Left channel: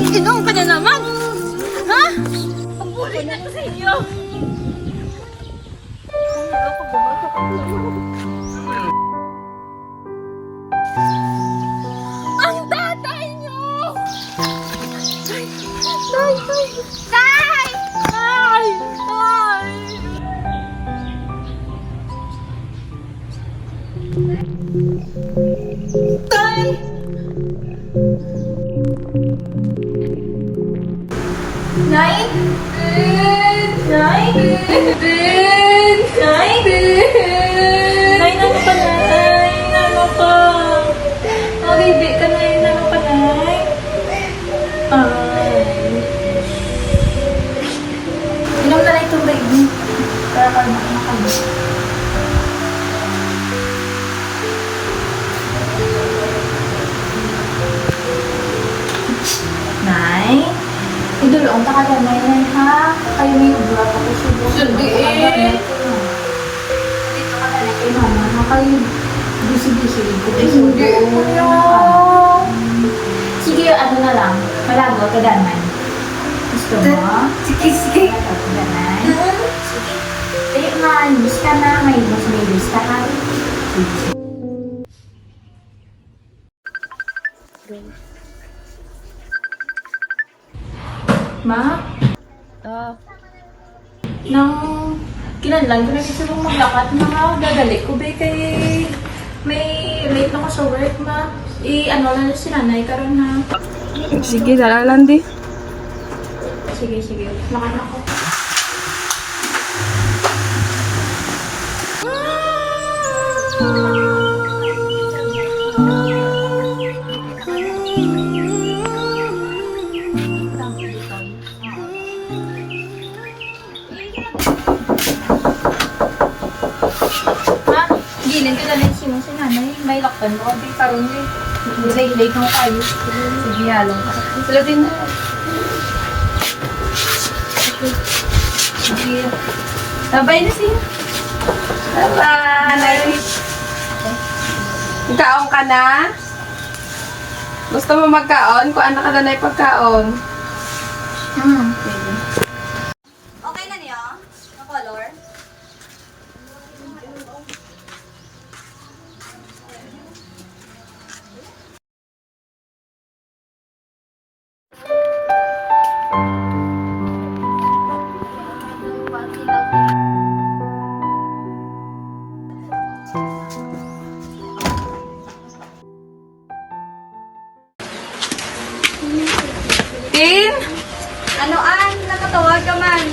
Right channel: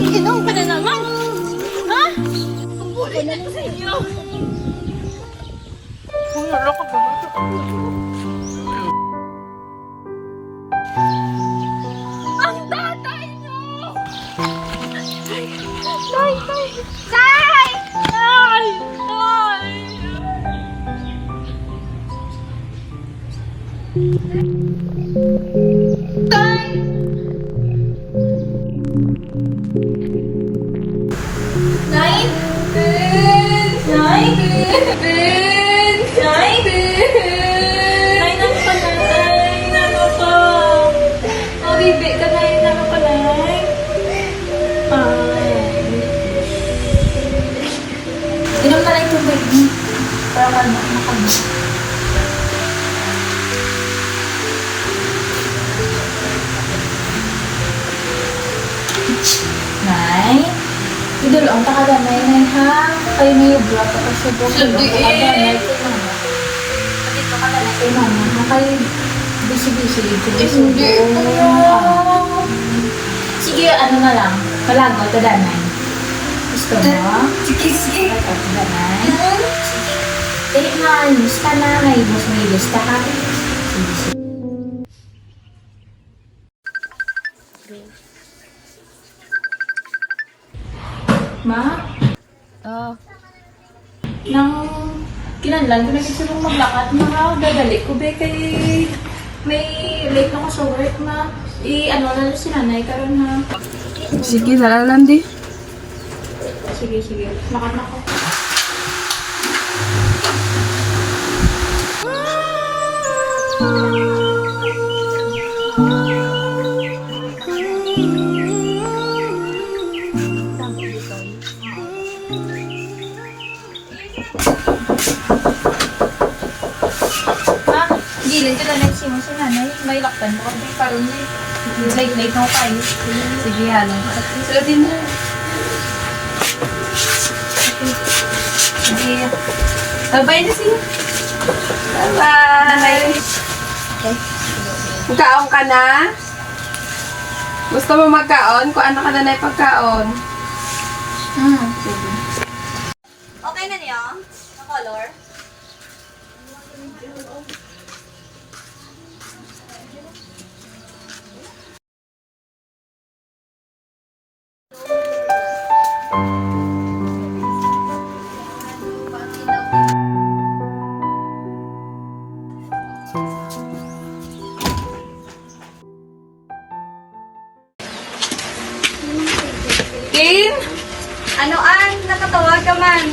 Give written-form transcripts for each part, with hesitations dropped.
Sinong ka na naman? Ha? Ang bulit na sa inyo. Wala ka ba? Ang tatay niyo! Tay! Tay! Tay! Tay! Tay! Tay! Nay? Nay? Nay? Nay, nano ka na? Nay, nano ka? Oh, baby ka na yun. Nano ka na? Inom na lang itong baby. Para ka na, nakalma. Nay? Idulong ta ka ganay, ha? Kayo may ubra pa ka siya doon. Sundiin! Dito ka na kay mama, ha? Kayo busy-busy. Hindi ko lang. Sige, ano na lang. Malagaw, tadanay. Gusto mo? Sige. Malagaw, tadanay. Sige. Eh, maalis ka na. Ngayon, mas may lista ka. Sige. Ma? Nang kinanlan ko na kasi nung maglakad na dadali ko be kay may late na ko sa work, ma. Ano lang si nanay karon ha. Sige, dala lang di. Sige. Lakad na ko. Giling ka na si mo si nanay. May lakpan mo kasi karon eh. Late ng tayo. Sige, halong ka. Sila din na. Sige. Bye-bye na siya. Bye-bye! Magkaon ka na? Gusto mo magkaon? Kung ano ka na na pagkaon? Sige. Okay na niyo? Ang color? Tin? Ano an? Nakatawag ka man.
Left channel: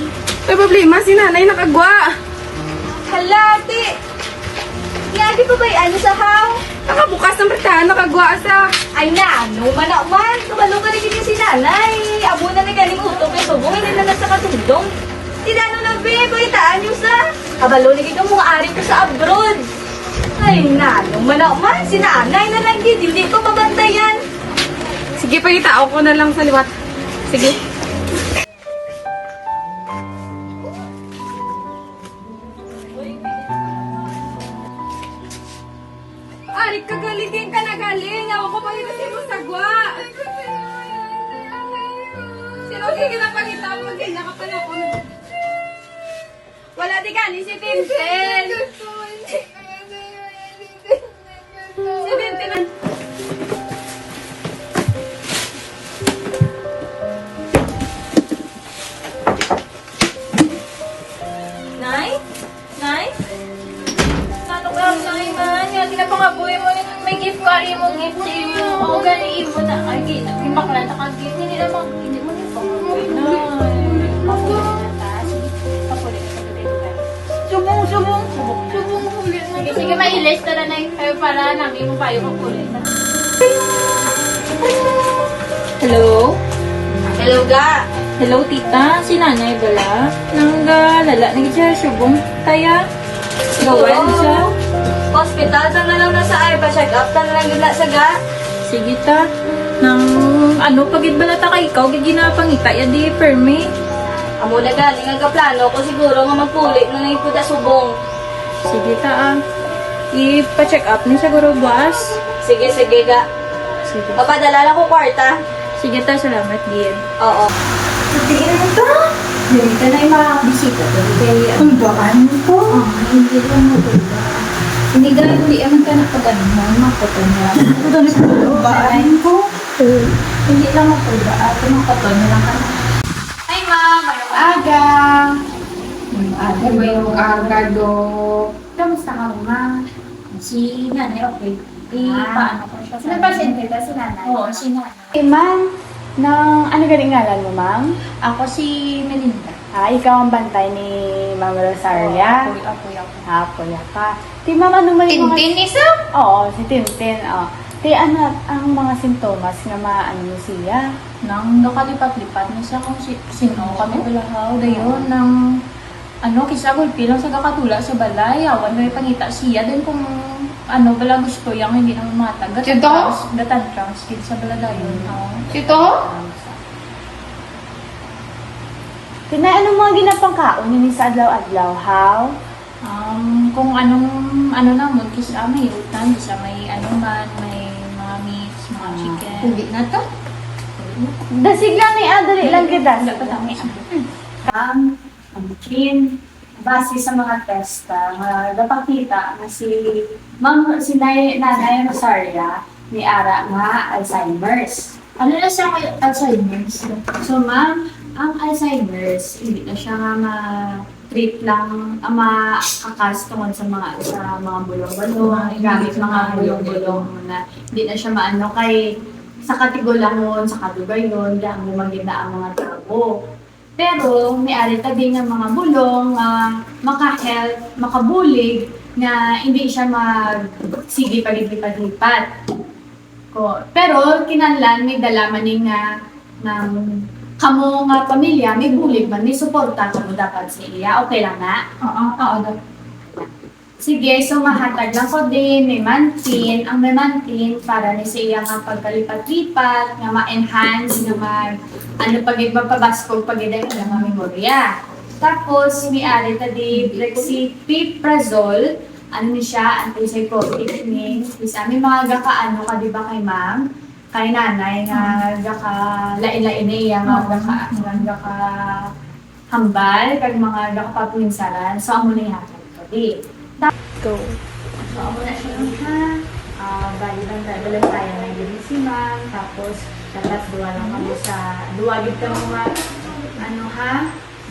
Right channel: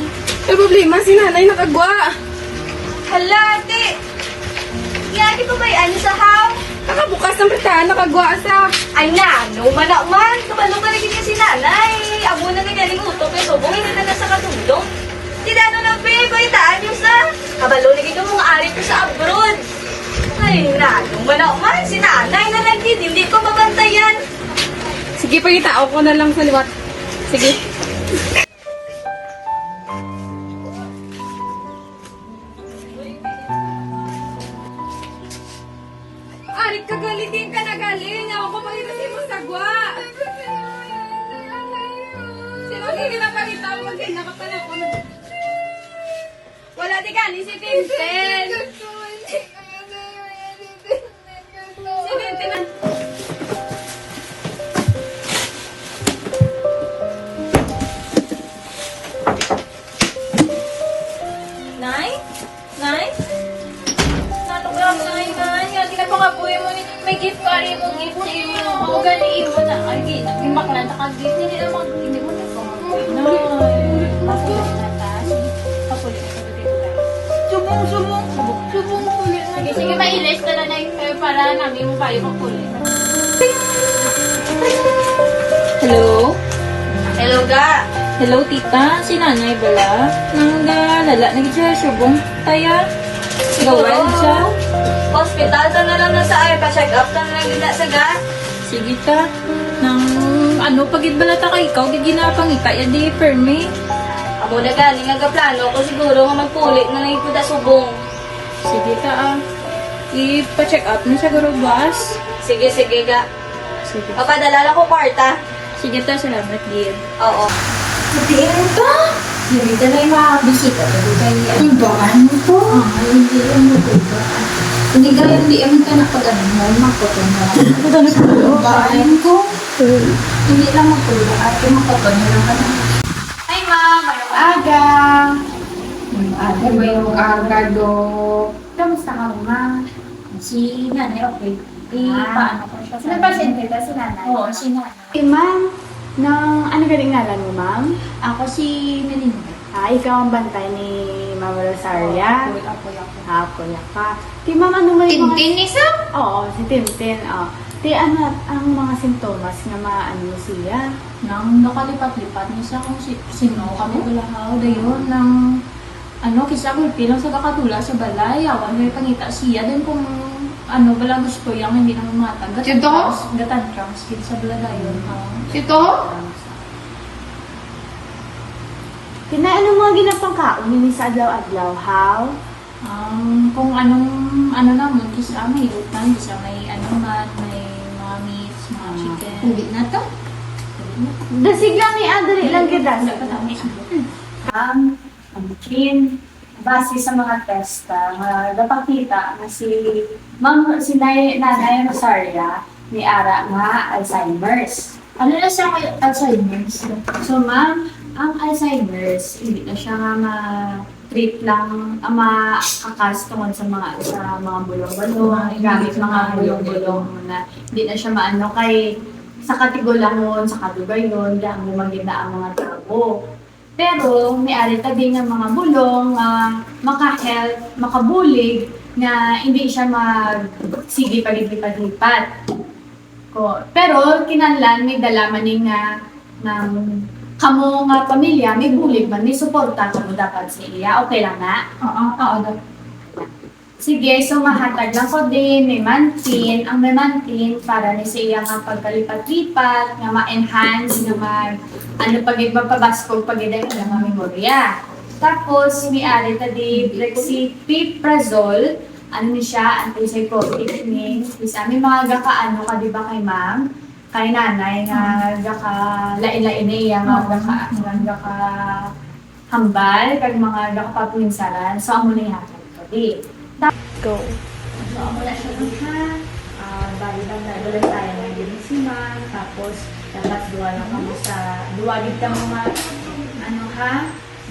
May problema, si nanay nakagwa. Hala, ate. Ginagi ko ba ano sa haw? Nakabukas ng pritahan, nakagwa sa... Ay na, mumana man. Tumalo ka rin si nanay. Abo na rin galing utok. Isubo, hindi na nasa katulong. Tinano na ba yung kaitaan yung sa... Kabalo na kita mong ari ko sa abroad. Ay na, mumana man. Si nanay na lang din. Hindi ko mabantayan. Sige, pagitao ko na lang sa liwat. Sige. Ari, kagaligin ka na galing. Ako pa rin kasi magkagwa. Sino kinapagita mo? Ganyan ka pala ko. Wala di galing si Tintin. Si Tintin. Nay? Nay? Paano ka ang galingan? Yan, tinapangabuhi mo ni... May gift ka rin mo, gift sa iyo. Oo, ganiin mo na. Ay, gimak na naka-gift. Hindi naman, hindi mo nang pangabuhi. Nay, papulit na ta. Sige, papulit na ta. Sumo, subong. Subong mo ulit. Sige, sige, mailis na na kayo para namin mo payo kang kulit. Hello? Hello, ga. Hello, tita. Si nanay bala? Nanggalala. Nag-siya subong. Taya. Gawin siya. Hospital ta na lang na sa ay. Pa-check up ta na lang gina sa ga. Sige ta. Nang ano, pagid bala ta kay ikaw, giginapangita ya di permi. Amo na galing nga kaplano ko siguro nga magpulit na lang ikuda subong. Sige ta ah. Ipa-check up na siguro bas. Sige, sige, ga. Sige. Papadala lang ko kwarta. Sige ta, salamat din. Oo. Hindi rin to. Ganito na yung mga bisita to. Kaya, ang baan mo po? Hindi lang mo po ba? Hindi naman ka napag-ano mo, magputo na lang. Ang baan ko? Hindi lang magputo at magputo na lang ka na. Hi ma'am, mayroong aga. Mayroong aga do. Kamusta ka ma'am? Si nanay, okay. Paano ko siya? Sino pasyente ka? Si nanay? Oo, si nanay. Ma'am, ano galing ngalan mo, ma'am? Ako si Melinda. Ikaw ang bantay ni Mama Rosaria? Ako. Apo niya ka. Ti, ma'am, ano mali mga... Tintin isa? Oo, si Tintin, Ti, ano, ang mga sintomas nga maano mo siya? Nang nakalipat-lipat na siya kung sino kami ulahaw. Dayon, nang kisa gulpi lang sa kakatula sa balay. Awan na ipangita siya. Then kung bala gusto yung hindi naman matag. Gatantrams, kid sa baladayon. Ito? Tinay, anong mga ginapangkaon ni sa adlaw-adlaw, how? Kung ano naman, kisa may utang, kisa may man, may mga meats, mga chicken. Hindi na to. Dasig lang ni Adri lang kita. Ang clean, base sa mga test, napakita na si Nanay Rosaria ni Ara nga Alzheimer's. Ano na siya kay Alzheimer's? So ma'am, ang Alzheimer's, hindi na siya nga ma-treat lang, makakas tungkol sa mga bulong-bulong, gamit mga bulong-bulong na hindi na siya maano kay sa katigulangon, sa kadugayon, dahil bumagin na ang mga tao. Pero may ari tabi ng mga bulong, maka-help, makabulig, na hindi siya sige palipat-lipat. Pero kinahanglan may dalaman nga ng kamo nga pamilya, may bulig man, may suporta kamo dapat sa iya. Okay lang na? Oo. Sige, so mahatag lang ko din, may mantin. Ang may mantin, para ni sa iya nga pagkalipat-lipat, nga ma-enhance, nga pag ipapabaskog, pag idayon nga memorya. Tapos, may ari tadi, Lexipiprazole, ni siya, antipsychotic ni, isa may mga gakaano ka, di ba kay ma'am? Kay nanay, nga gaka lain-lain niya, nga gaka hambal, kag mga gaka papinsaran. So, amo na ihatag ko di. Go. So, amo na siya bali bala tayo ng ginisiman, tapos dapat duwagid ka mga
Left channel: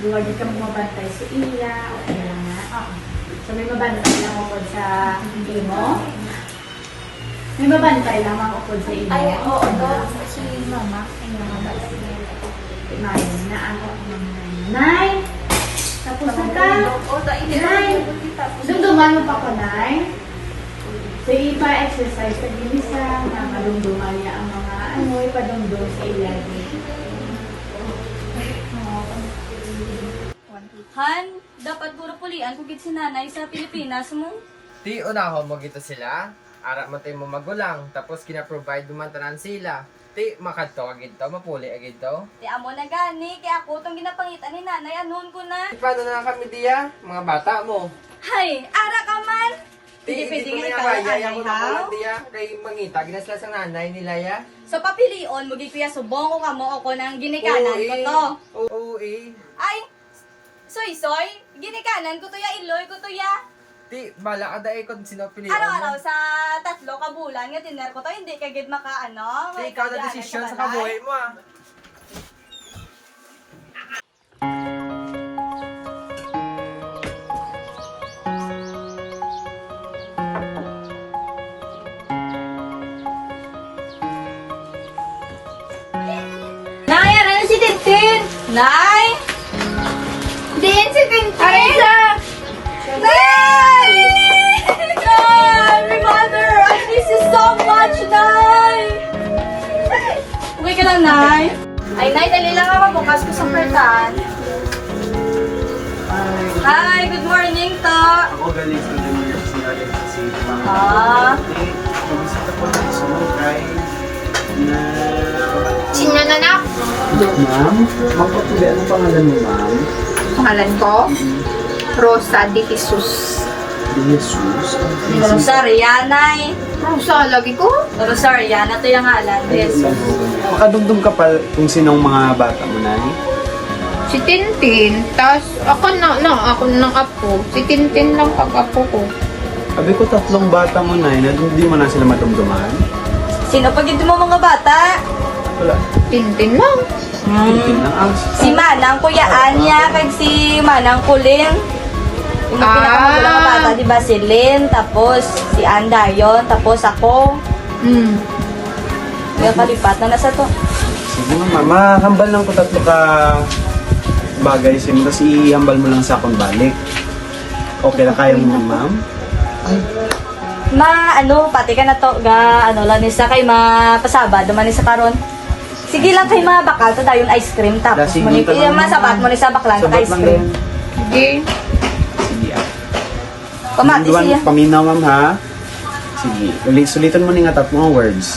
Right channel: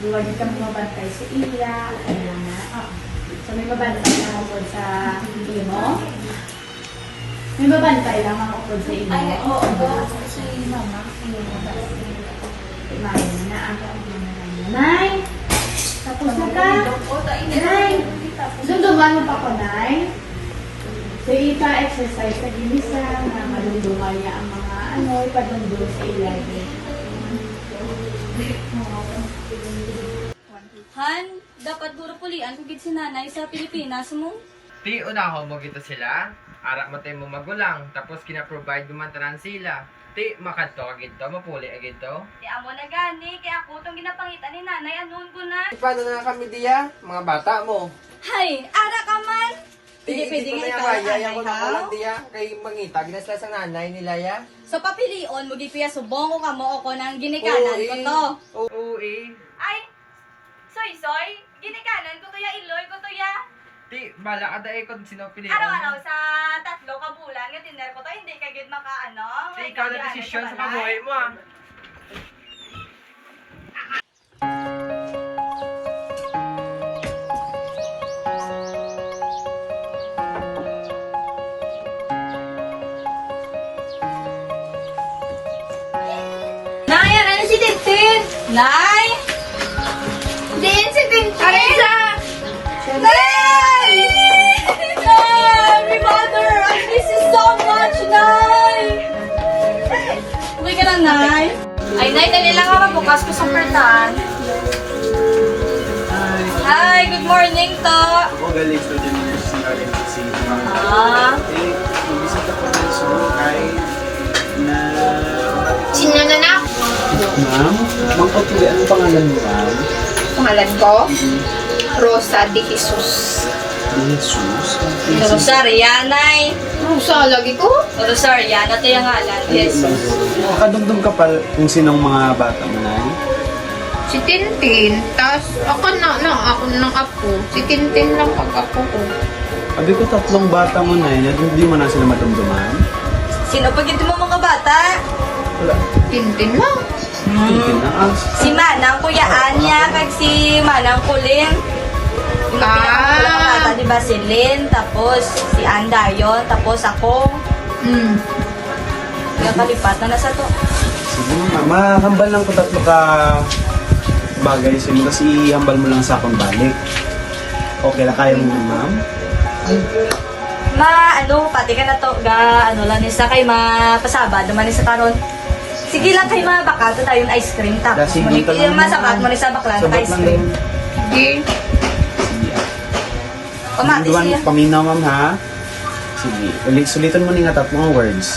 duwagid ka mga bantay sa iya, okay lang na. So, may mabantay lang ako sa imo. May mabantay lang ako sa imo. Ay, oo, Si mama, Imayan na ako ang mga nanay. Tapos na ka. Nay. Dumduman mo pa ko, Nay. So, ipa-exercise sa ginisa, na malumdungan niya ang mga ipadumdum sa ilalim. Han, dapat puro pulian kugid si nanay sa Pilipinas mo. Ti unahon mo gito sila. Ara mo tayo mo magulang. Tapos kina-provide dumantanan sila. Ti makadto agid to, mapuli agid to. Di amo na gani, kaya ako itong ginapangitan ni nanay, anon ko na. Paano na kami diya? Mga bata mo. Hay, ara ka man! Ti, Pwede nga na ikaw ang kaya ko nanay, na ha? lang diya. Kay mangita, ginasla sa nanay nila ya. So papilion, mugi kuya subong ko kamo ako ng ginikanan ko to. Oo eh. Ay, soy, ginikanan ko to ya, iloy ko to ya. Ti, bala ka dae kung sino piliin Araw-araw mo. sa 3 ka bulan nga tiner ko to, hindi kagid makaano. Ti, ikaw na desisyon sa kabuhay mo ah. Nay, ano si Tintin? Nay! Din si Tintin! Nay! Nay! My mother! I miss you so much, Nay! Okay ka lang, Nay? Ay, Nay, dali lang ako. Bukas ko sa pertan. Hi! Good morning, to! Ako galing sa University, galing sa Sigma. Ah, Nag-isip ako ng sumukay na... Sino na na? Ma'am? Ma'am Patuloy, anong pangalan mo, ma'am? Pangalan ko? Rosa de Jesus. De Jesus? Rosaria, Nay! Rosa, lagi ko? Rosaria, nato yung ngalan. Jesus. Makadugdog ka pa kung sinong mga bata mo, Nay? Si Tintin. Tapos ako ako ng apo. Si Tintin lang pag-apo ko. Sabi ko 3 bata mo, Nay, na hindi mo na sila madumduman. Sino pag ito mo mga bata? Wala. Tintin mo. Tintin lang. Ah, Si Manang, Kuya Anya, kag si Manang Kulin. Yung pinakamulang bata, di ba? Si Lynn, tapos si Andayon, tapos ako. May palipat na nasa to. sige, ma'am. Mahambal lang ko 3 ka bagay sa mo. Tapos ihambal mo lang sa akong balik. Okay lang, kaya mo, ma'am? Pati ka na to, lang sa kay kasaba, duman sa karon. Sige lang kay mga baka, ito tayo yung ice cream tapos. Sige, ito lang, Yung ma'am. masabat mo ni sa baklang Sabat ice lang cream. din. Sige. Sige, ah. Pamati Duwan, siya. paminaw, ma'am, ha? Sige. Sulitan mo nga 3 words.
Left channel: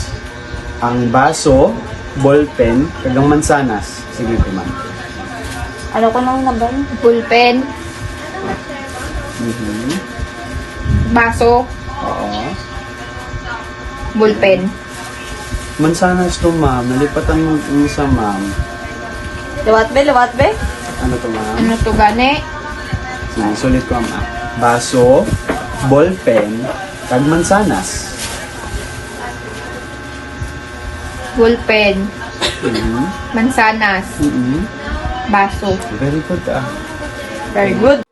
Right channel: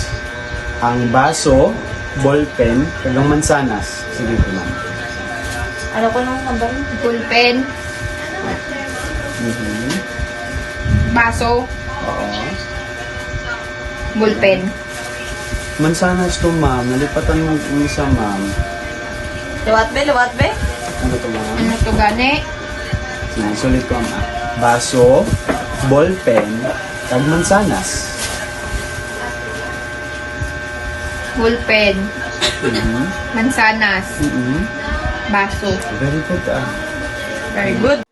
Ang baso, ballpen, kagang mansanas. Sige, ma'am. Ano ko nang number? Bullpen. Baso. Oo. Bullpen. Mansanas to, ma'am. Nalipatan mo yung isa, ma'am. Lawat be? Ano to, ma'am? Ano to gani? Sige, sulit ko, ma'am. Baso, ballpen, kag mansanas. Bullpen. Mhm. Mansanas. Mhm. Baso. Very good, ah. Very good.